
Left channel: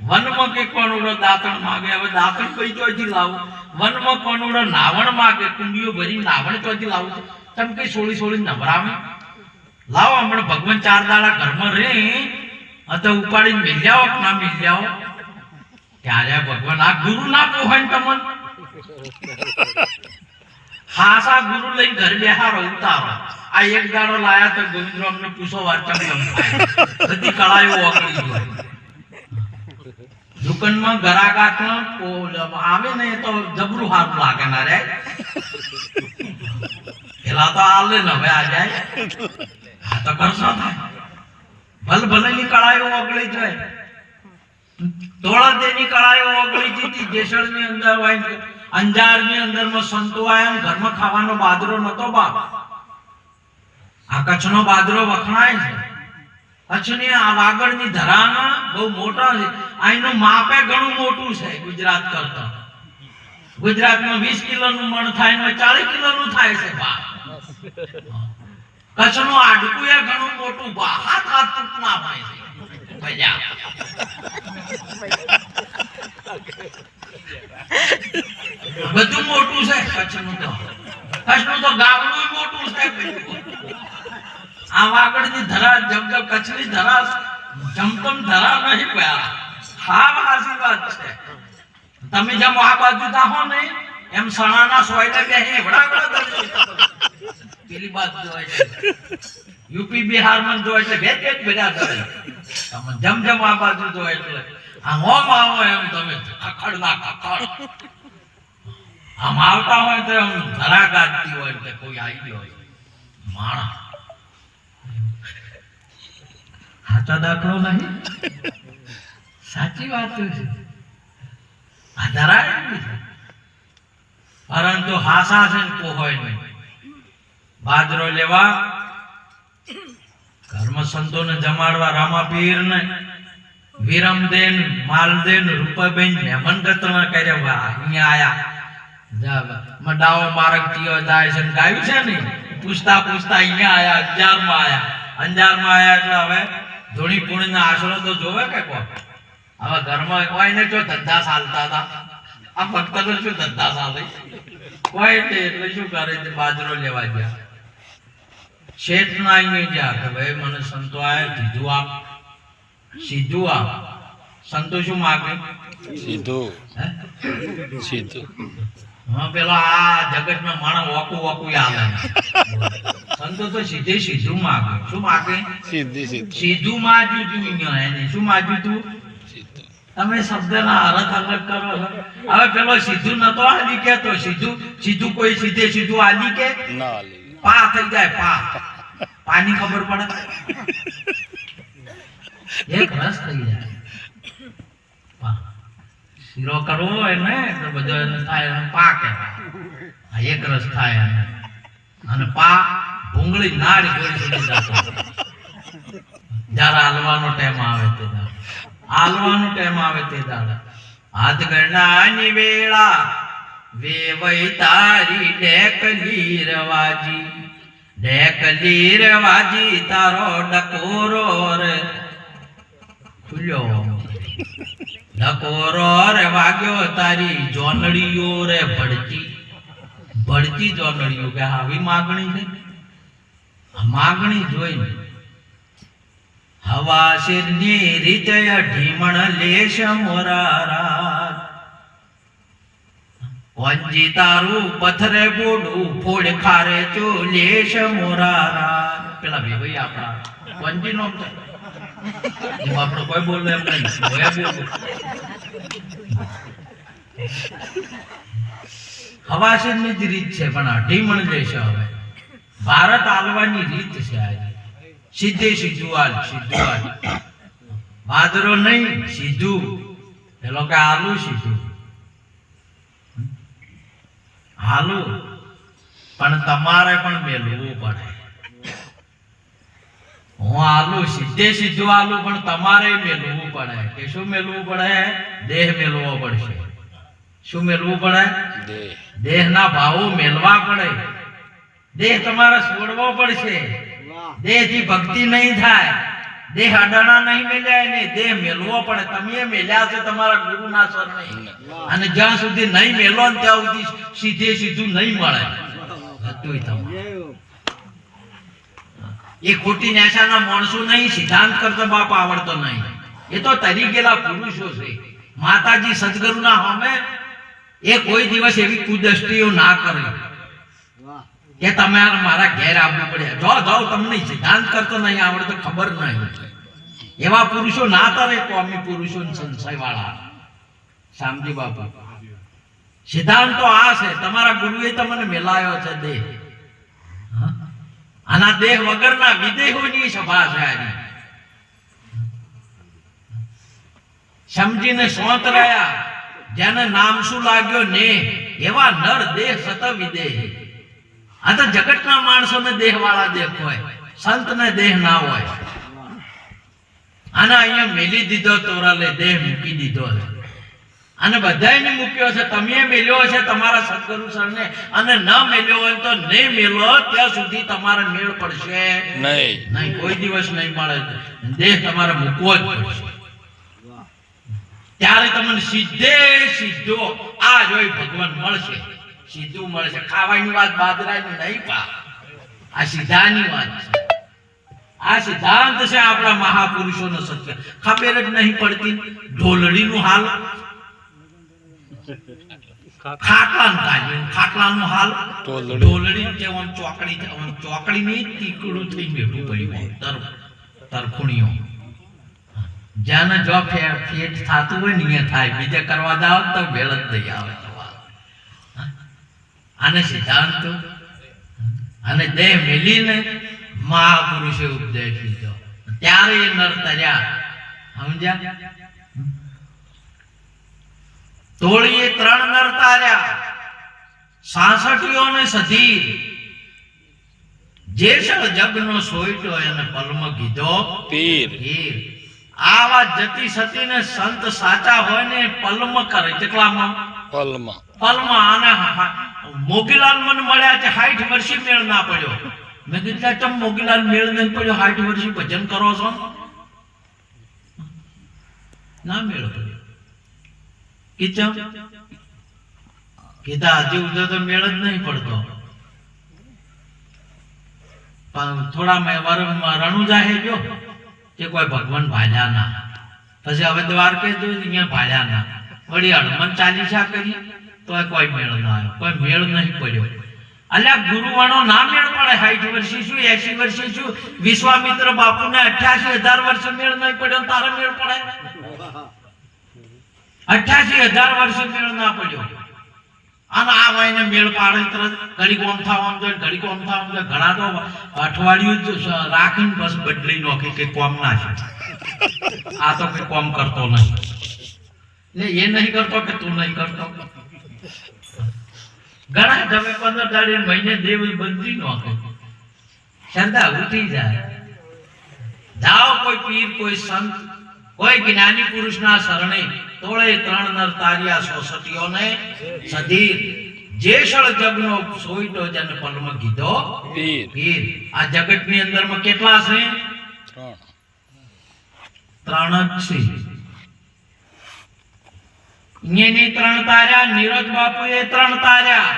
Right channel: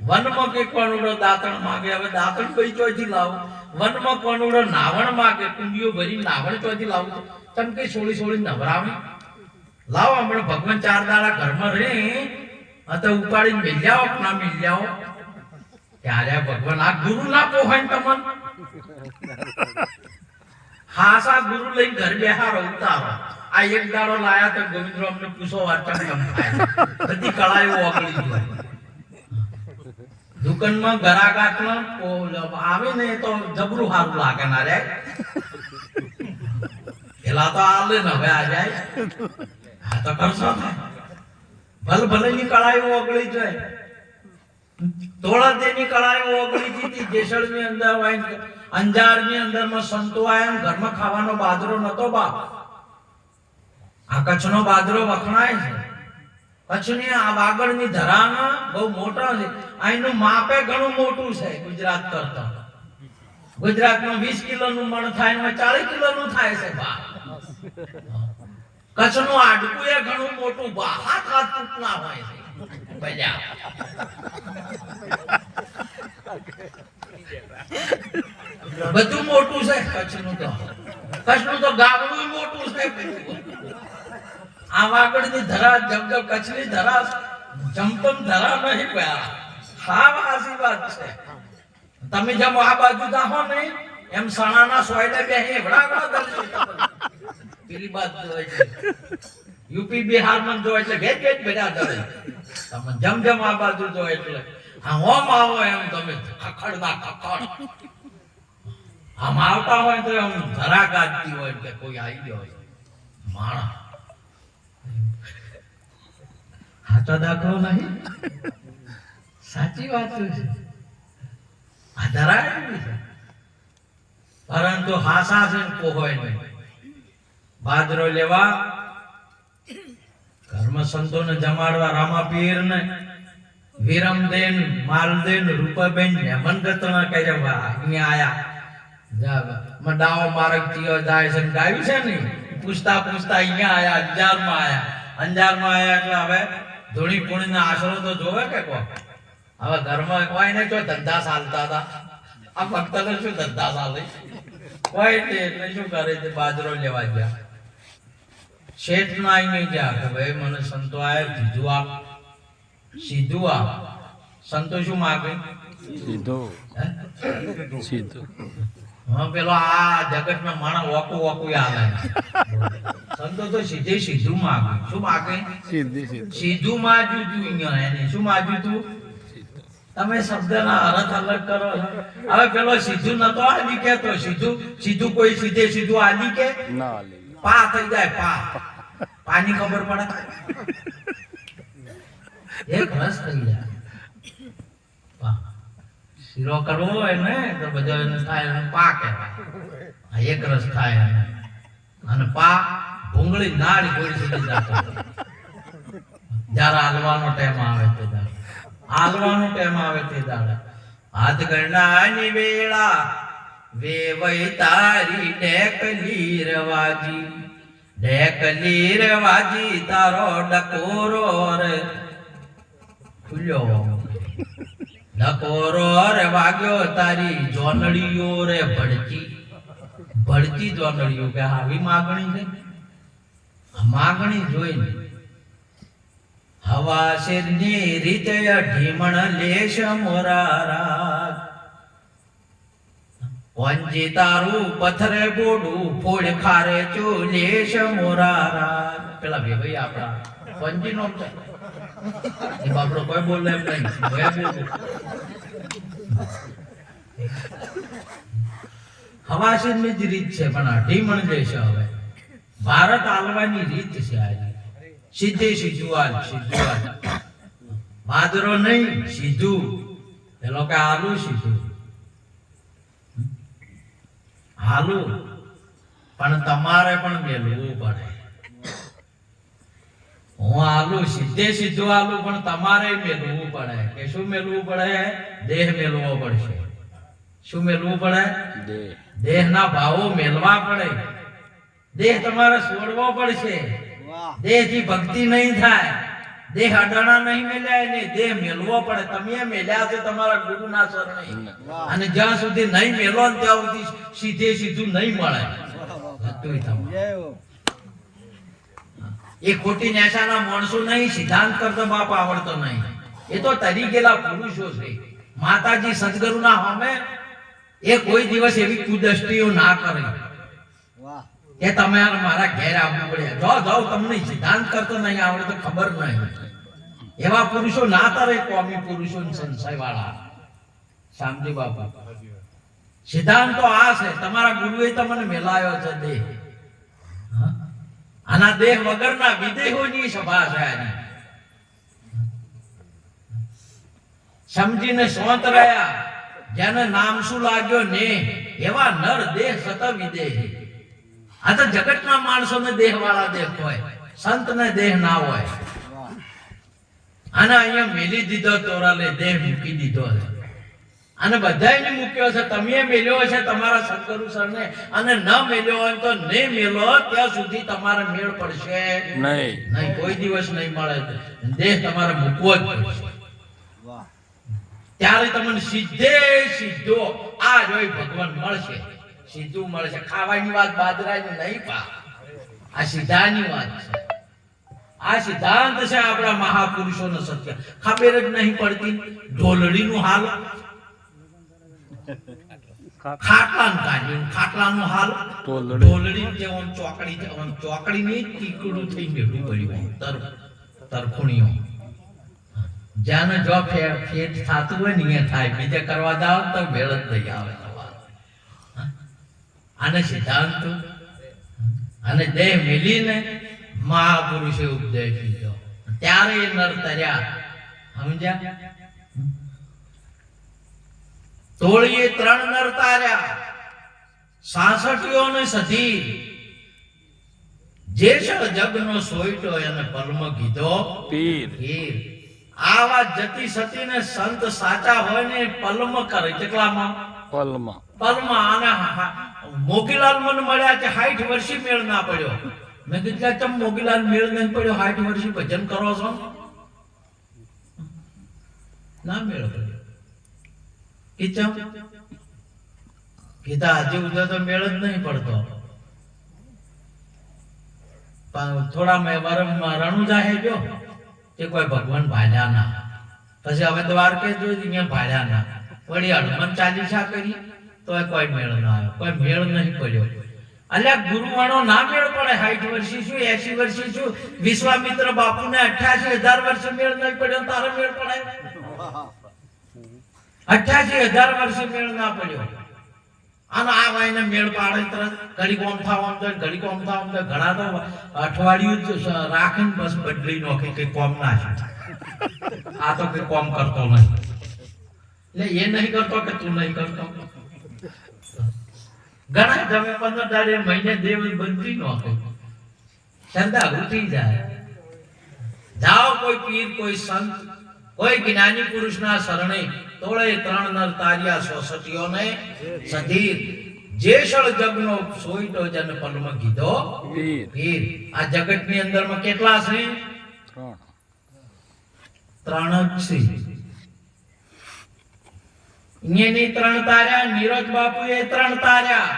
વનમાં કે કોનુડો દાંતણ માગે. હવે દાંતણ કઈ ચોથી લાવું? વનમાં કોનુડો નાવણ માગે, કુંડીઓ ભરી નાવણ ચોથી લાવું? તમે કઈ સોળી નવરાવે લાવો. હમણાં ભગવાન 4 દાડા ઘરમાં રે તો ઉપાડીને મિલ્યાઓ કે ના મિલ્યાઓ? ત્યારે ભગવાન આ ગુરુ ના પોહાય ને તમને હાસા ગુરુ લઈને ઘર બેહારો ઉતારો. આ એક દાડો લાયા તો ગોવિંદરામ ને પૂછો વાર્તા કેમ થાય, બધી કળાયો ઓગળી ગઈ. દુકાનમાં ગરાગાટ નો આવે ને તો જબરું સારું લાગે ના રે. પેલા તો આલે ને હવે આ જાય, હા તો કરશો થાય. ભલે ની કળાયો ઓગળી જાય. ધોળાદેની કળાયો ઓગળી જીતી. જેસલની અંદર અંજારની અંદરમાં સંતો આયા, ઘરમાં ખાવાનો બાજરો નતો બાપ. આ કચ્છનો બાજરો વખણાય છે. કચ્છની આ વાગડની ધરાના બહુ મોટા છે. અહીંનું માપે ઘણું મોટું છે ગુજરાત કરતા. ગુજરાતમાં 20 કિલોનું મણ થાય ને 40 કિલોનું થાય છે બા. કચ્છનું આડકું એ ઘણું મોટું બા, હાથ તૂટના હોય છે. બધું મોટું છે કચ્છનું તો ગામડું મોટું છે. આ વાગડની ધરા જમજમ કચ્છની ધરા જમતમ ધરા નહીં ગયા. હા હાસી વાત છે. તમે જેમ આ બાજુ જાહો ને એમ સણાના સોયલા બે એવડા પેલી બાજુ હોય છે. યુપી બિહાર માં જો એટલે ભેજ બધા કરે. તમે જેમ આ બાજુ જો એટલે આમ આવો એમ તમે ખખડ આમ આવતા હોય તો એમ ધરા ગાજતી હોય કે કોઈ આવી ગયો હોય માણા. સાચો દાખલો નહીં. સાચી વાત છે આ ધરાયેલી છે પરંતુ હાસા છે ને કોઈ નહીં બાજરો લેવા કર્મ સંતોને જમાડવા રામાપીર ને વિરમદેન માલદેન રૂપાબેન મહેમાન ગતના કર્યા વાહ અહીંયા આયા મડાઓ માર્ગ થયો જાય છે ગાયું છે ને પૂછતા પૂછતા અહીંયા આયા અંજારમાં આયા એટલે હવે ધોણી પુણ્યના આશરો તો જોવે કે કોઈ હવે ઘરમાં કોઈ ને જો ધંધા ચાલતા હતા આ ભક્તનો શું ધંધા ચાલે કોઈ ને એટલે શું કરે છે બાજરો લેવા ગયા શેઠ ના અહીં ગયા કે ભાઈ મને સંતો આયા સીધું આપ સંતો શું માગે સીધું હા પેલો આ જગતના માણસ ઓકું આવે સંતો તો સીધું માગે શું માગે સીધું માજ્યું તું અહીંયા એને શું માજ્યું તું તમે શબ્દના અર્થ અલગ કરો છો હવે પેલો સીધું નતો આલી કે તો સીધું કોઈ સીધું આલી કે ના આલી પા થઈ જાય પાની ખબર પડે એક રસ થઈ જાય શીરો કરવો હોય ને તો બધો એને થાય એને પા કહેવાય એક રસ થાય એને અને પા ભૂંગળી નાળ ગોળી સુધી જતો જ્યારે હાલવાનો ટાઈમ આવે તે દાડે હાથ ગણનાની વેળા વેવઈ તારી ડેકલી રવાજી તારો ડકોરો રે ખુલ્યો ડકોરો રે વાગ્યો તારી જોનડીઓ રે ભડતી જોનડીઓ કે આવી માગણી છે માગણી જોઈને હવા શિરની રીતે ઢીમણ લેશ મોરારા વંજી તારું પથરે બોડું ફોડ ખારે ચોલેશ મોરારા પેલા બે ભાઈ આપણા વંજી નો આપણો કોઈ બોલે એમ નહીં હવા શિરની જ રીત છે પણ આ ઢીમણ લેશ હવે ભારત આલવાની રીત છે આજે સીધું બાદરો નહીં સીધું પેલો કે આલુ સીધું હાલું પણ તમારે પણ મેલવું પડે હું આલુ સીધું આલુ પણ તમારે મેલવું પડે કે શું મેલવું પડે દેહ મેલવો પડશે શું મેલવું પડે દેહના ભાવો મેલવા પડે દેહ તમારે છોડવો પડશે દેહથી ભક્તિ નહીં થાય દેહ અડાણા નહીં મેલ્યા ને દેહ મેલવો પડે તમે મેલ્યા છો તમારા ગુરુના શરણે અને જ્યાં સુધી નહીં મેલો ને ત્યાં સુધી સીધું નહીં મળે એ ખોટી નેશાના માણસો નહીં સિદ્ધાંત કરતો બાપ આવડતો નહીં એ તો તરી ગયેલા પુરુષો છે માતાજી સદગુરુના સામે એ કોઈ દિવસ એવી કુદષ્ટિઓ ના કરે કે તમે મારા ઘેર આવવું પડે જાઓ તમને સિદ્ધાંત કરતો નહીં આવડે તો ખબર નહીં એવા પુરુષો ના તરે કોમી પુરુષો સંશય વાળા શામજી બાપુ સિદ્ધાંત તો આ છે તમારા ગુરુએ તમને મેલાયો છે દેહ આના દેહ વગરના વિદેહોની સભા છે આની સમજીને સોંત રહ્યા જેને નામ શું લાગ્યો ને એવા નર દેહ સત વિદેહી આ તો જગતના માણસોને દેહ વાળા દેહ હોય સંતને દેહ ના હોય આને અહીંયા મેલી દીધો તોરાલે દેહ મૂકી દીધો અને બધાને મૂક્યો છે તમે મેલ્યો છે તમારા સદગુરુ સરને અને ન મેલ્યો હોય તો નહીં મેલો ત્યાં સુધી તમારે મેળ પડશે નહીં કોઈ દિવસ નહીં મળે દેહ તમારે મૂકવો જ પડશે ત્યારે તમને સીધો આ જોઈ ભગવાન મળશે સીધું મળશે ખાવાની વાત બાજરાની નહીં પા આ સીધાની વાત છે આ સિદ્ધાંત છે આપણા મહાપુરુષોનો સત્ય ખબર જ નહીં પડતી ઢોલડીનું હાલ ખાટલાનું હાલ ઢોલડી જેવું ચોકડીની તીકડું થઈ બેઠું પડ્યું તરફુણીઓ જ્યાં જો ફેટ થતું હોય ને અહીંયા થાય બીજે કરવા જાવ તો ભેળ જ નહીં આવે આને સિદ્ધાંત અને દેહ મેલીને મહાપુરુષે ઉપદેશ લીધો ત્યારે એ નર તર્યા સમજ્યા તોળીએ 3 નર તાર્યા, 66 ને સધીર, જેસળ જગનો સોઈટો એને પલમ કીધો પીર. પીર. આવા જતી સતી ને સંત સાચા હોય ને પલમ કરે. કેટલામાં? પલમાં. પલમાં. આના મોગીલાલ મને મળ્યા છે 60 વર્ષી મેળ ના પડ્યો. મેં કીધું ચમ મોગીલાલ મેળ નહીં પડ્યો, 60 વર્ષી ભજન કરો છો? ના મેળ પડ્યો. કીધું કીધા હજી ઉધર તો મેળ જ નહીં પડતો. પણ થોડા રણુજા હે ગયો કે કોઈ ભગવાન ભાલ્યા ના. પછી હવે દ્વારકે જોઈ અહીંયા ભાલ્યા ના. વળી હનુમાન ચાલીસા કરી તો કોઈ મેળ ના આવ્યો, કોઈ મેળ નહીં પડ્યો. અલ્યા ગુરુવાણો ના મેળ પડે. 60 વર્ષી શું, 80 વર્ષી શું, વિશ્વામિત્ર બાપુને 88,000 વર્ષે મેળ નહીં પડ્યો, તારે મેળ પડે? 88,000 વર્ષે મેળ ના પડ્યો. અને આ વાયને મેળ પાડે તરત ઘડી કોમ થવાનું તો ઘડી કોમ થવાનું તો ઘણા તો અઠવાડિયું જ રાખીને બસ બદલી નોખે કે કોમ ના છે. આ તો કોઈ કોમ કરતો નહીં. એ નહીં કરતો કે તું નહીં કરતો. ઘણા તમે 15 દાડે મહિને દેવ બદલી નોખે. ચંદા ઉઠી જાય. જાઓ કોઈ પીર, કોઈ સંત, કોઈ જ્ઞાની પુરુષના શરણે તોળે 3 નર તાર્યા, 66 ને સધીર, જેસળ જગનો સોઈટો જન પલમ કીધો પીર. પીર. આ જગતની અંદરમાં કેટલા છે? 3 જ છે. અહીંયાની 3 તાર્યા, નીરજ બાપુએ 3 તાર્યા,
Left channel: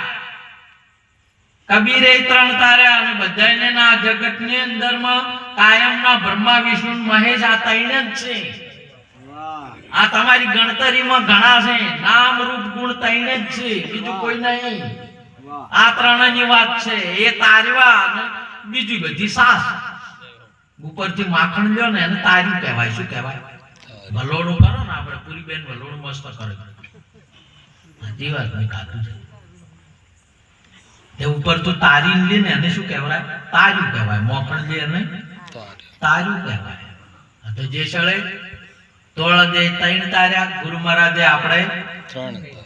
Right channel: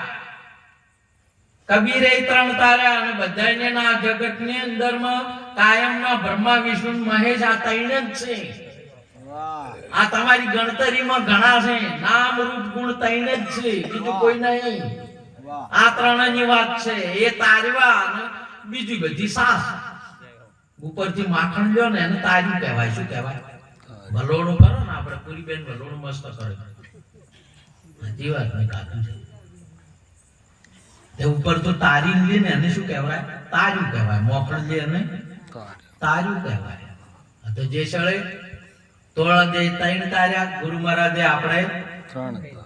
કબીરે 3 તાર્યા, અને બધાને ના જગતની અંદરમાં કાયમના બ્રહ્મા વિષ્ણુ મહેશ આ 3 જ છે. આ તમારી ગણતરીમાં ઘણા છે. નામ રૂપ ગુણ 3 જ છે, બીજું કોઈ નહીં. આ 3 ની વાત છે. એ તારવા અને બીજી બધી સાસ. ઉપરથી માખણ લ્યો ને એને તાર્યું કહેવાય. શું કહેવાય? વલોડું કરો ને આપણે. પૂરી બેન વલોડું મસ્ત કરે. હજી વાત મેં ખાધું છે. તે ઉપર તો તારી લે ને એને શું કહેવાય? તાર્યું કહેવાય. મોખણ લે એને તાર્યું કહેવાય. તો જે સળે તોળ દે 3 તાર્યા, ગુરુ મહારાજે આપણે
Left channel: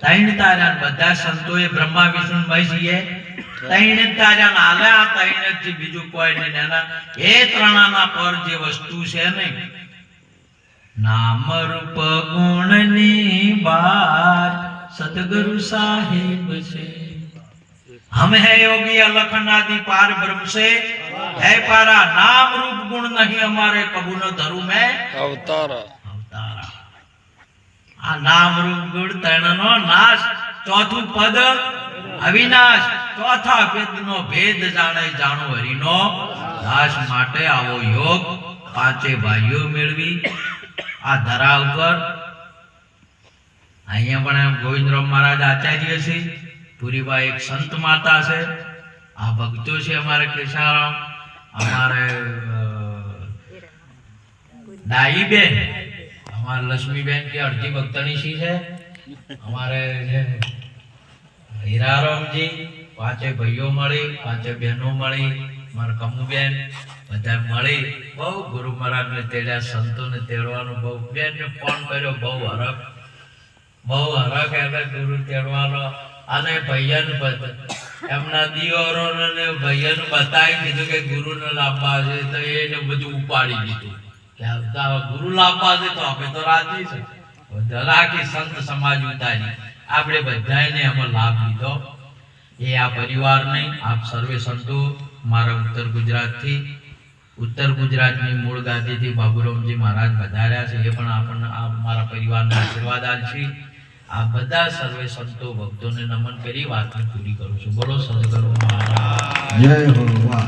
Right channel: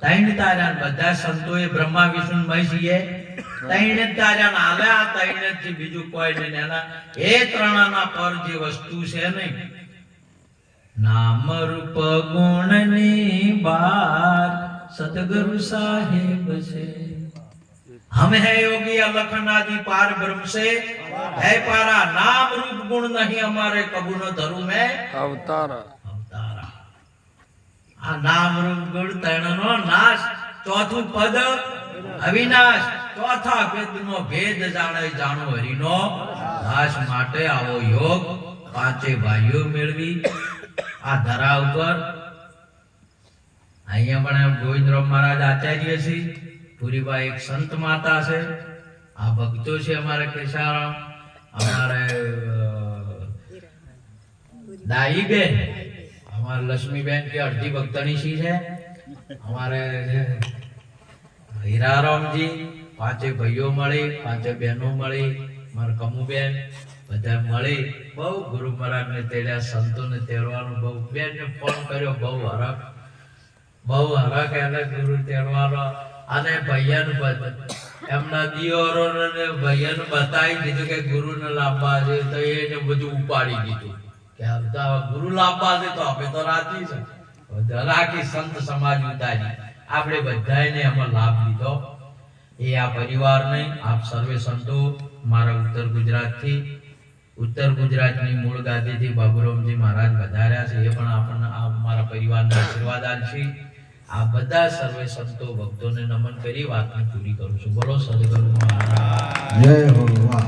3 તાર્યા. બધા સંતોએ બ્રહ્મા વિષ્ણુ મહેશીએ 3 તાર્યા. હાલે આ 3 જ, બીજું કોઈ નહીં. એના એ 3ના પર જે વસ્તુ છે ને, નામ રૂપ ગુણની બાર સદગુરુ સાહેબ છે. हम है योगी अलखन आदि पार ब्रह्म से है पारा, नाम रूप गुण नहीं हमारे कबू न धरू में અવતારા. આ નામ રૂપ ગુણ 3 નો નાશ. ચોથું પદ અવિનાશ. ચોથા વેદનો ભેદ જાણે જાણો હરિનો દાસ. માટે આવો યોગ 5 ભાઈઓ મેળવી આ ધરા ઉપર. અહીંયા પણ ગોવિંદરાવ મહારાજ આચાર્ય છે, પુરીબા એક સંત માતા છે, આ ભક્તો છે અમારે કેશારામ, અમારે દાઈ બેન, અમારે લક્ષ્મીબેન કે અડધી ભક્તણી છે, અમારે હીરારામજી, 5 ભાઈઓ મળી, 5 બહેનો મળી, મારા કમુબેન, બધા મળી બહુ ગુરુ મહારાજને તેડ્યા. સંતોને તેડવાનું બહુ. બેનને ફોન કર્યો, બહુ હરખ એટલે ગુરુ તેડવાનો. અને ભાઈયાનું એમના દિયોરોને ભાઈયાનું બતાવી દીધું કે ગુરુને લાવવા છે, તો એને બધું ઉપાડી દીધું કે ગુરુ લાવવા છે તો આપણે તો રાજી છે. રાખી સંત સમાજ ઉતારી. આપણે બધાને એમાં લાભ લીધો. એ આ પરિવાર નહીં, આપ સર્વે સંતો મારા ઉત્તર ગુજરાતની મૂળ ગાદીથી બાબુરામજી મહારાજ વધાર્યા છે. એ પણ આપણને આ મારા પરિવારના આશીર્વાદ આપશે. આ બધા સર્વે સંતો ભક્તોને નમન કરી વાતને પૂરી કરું છું. બોલો સદગુરુ મહારાજ જય હો. વાહ.